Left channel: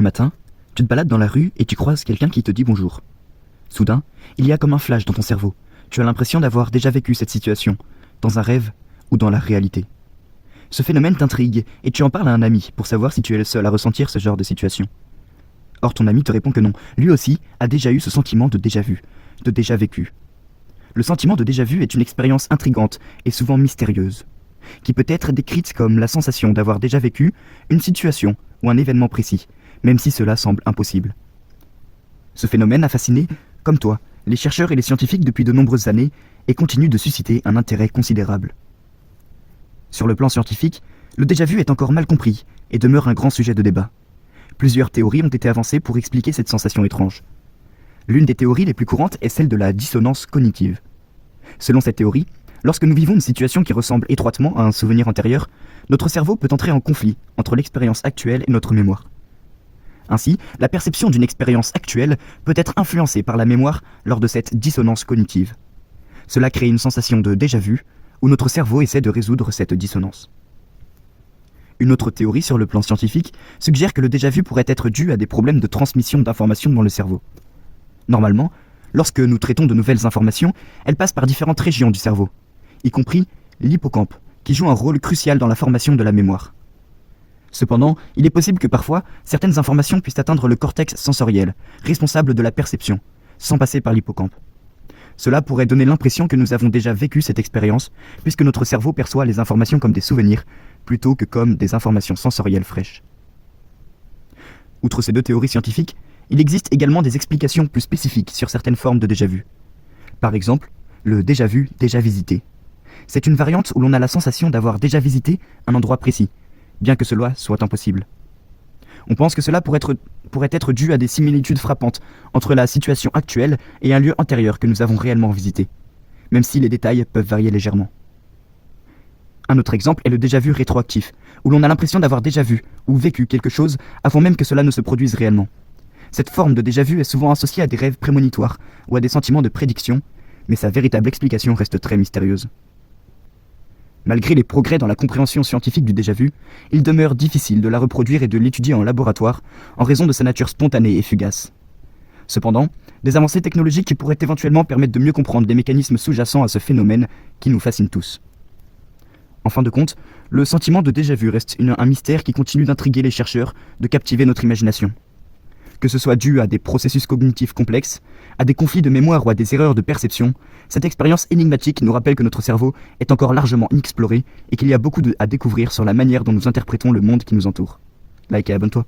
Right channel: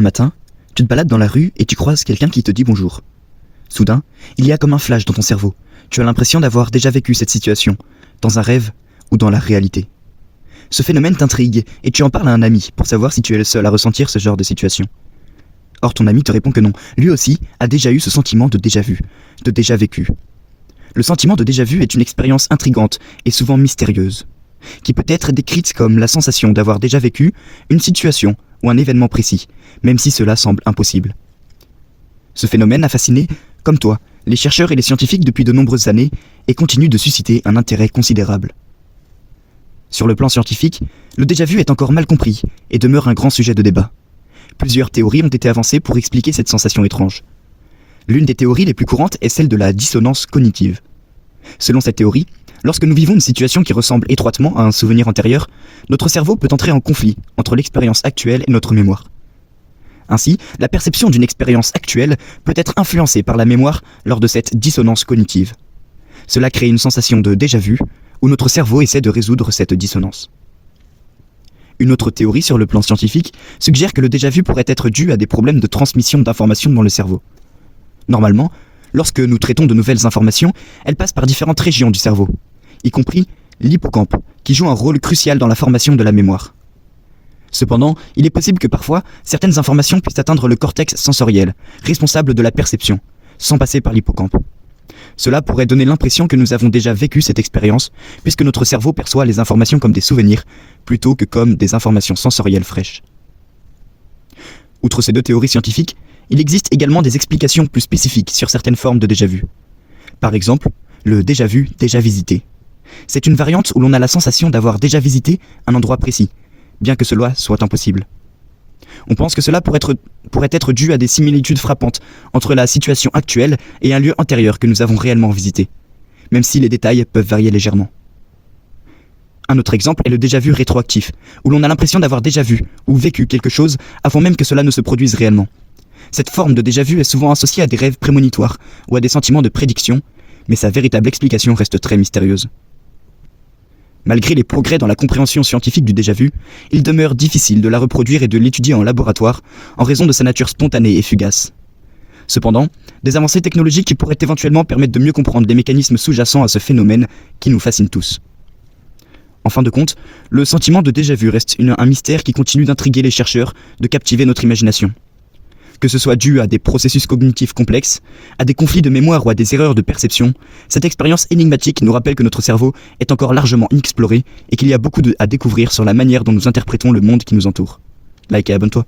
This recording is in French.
Un matin, tu te balades dans la rue et tu croises quelqu'un qui te dit bonjour. Soudain, il y a comme un flash dans ton cerveau. Tu as l'impression d'avoir déjà vécu cette situation, dans un rêve ou dans la réalité. Ce phénomène t'intrigue et tu en parles à un ami pour savoir si tu es le seul à ressentir ce genre de situation. Or ton ami te répond que non, lui aussi a déjà eu ce sentiment de déjà vu, de déjà vécu. Le sentiment de déjà vu est une expérience intrigante et souvent mystérieuse, qui peut être décrite comme la sensation d'avoir déjà vécu une situation ou un événement précis, même si cela semble impossible. Ce phénomène a fasciné, comme toi, les chercheurs et les scientifiques depuis de nombreuses années et continue de susciter un intérêt considérable. Sur le plan scientifique, le déjà-vu est encore mal compris et demeure un grand sujet de débat. Plusieurs théories ont été avancées pour expliquer cette sensation étrange. L'une des théories les plus courantes est celle de la dissonance cognitive. Selon cette théorie, lorsque nous vivons une situation qui ressemble étroitement à un souvenir antérieur, notre cerveau peut entrer en conflit entre l'expérience actuelle et notre mémoire. Ainsi, la perception d'une expérience actuelle peut être influencée par la mémoire lors de cette dissonance cognitive. Cela crée une sensation de déjà-vu, où notre cerveau essaie de résoudre cette dissonance. Une autre théorie sur le plan scientifique suggère que le déjà-vu pourrait être dû à des problèmes de transmission d'informations dans le cerveau. Normalement, lorsque nous traitons de nouvelles informations, elles passent par différentes régions du cerveau, y compris l'hippocampe, qui joue un rôle crucial dans la formation de la mémoire. Cependant, il est possible que parfois, certaines informations puissent atteindre le cortex sensoriel, responsable de la perception, sans passer par l'hippocampe. Cela pourrait donner l'impression que nous avons déjà vécu cette expérience, puisque notre cerveau perçoit les informations comme des souvenirs, plutôt que comme des informations sensorielles fraîches. Outre ces deux théories scientifiques, il existe également des explications plus spécifiques sur certaines formes de déjà-vu. Par exemple, le déjà-vu, déjà visité. C'est une variante où l'on a la sensation d'avoir déjà visité un endroit précis, bien que cela soit impossible. On pense que cela pourrait être dû à des similitudes frappantes entre la situation actuelle et un lieu antérieur que nous avons réellement visité, même si les détails peuvent varier légèrement. Un autre exemple est le déjà-vu rétroactif, où l'on a l'impression d'avoir déjà vu ou vécu quelque chose avant même que cela ne se produise réellement. Cette forme de déjà-vu est souvent associée à des rêves prémonitoires ou à des sentiments de prédiction, mais sa véritable explication reste très mystérieuse. Malgré les progrès dans la compréhension scientifique du déjà-vu, il demeure difficile de la reproduire et de l'étudier en laboratoire en raison de sa nature spontanée et fugace. Cependant, des avancées technologiques pourraient éventuellement permettre de mieux comprendre les mécanismes sous-jacents à ce phénomène qui nous fascine tous. En fin de compte, le sentiment de déjà-vu reste un mystère qui continue d'intriguer les chercheurs, de captiver notre imagination. Que ce soit dû à des processus cognitifs complexes, à des conflits de mémoire ou à des erreurs de perception, cette expérience énigmatique nous rappelle que notre cerveau est encore largement inexploré et qu'il y a beaucoup à découvrir sur la manière dont nous interprétons le monde qui nous entoure. Like et abonne-toi.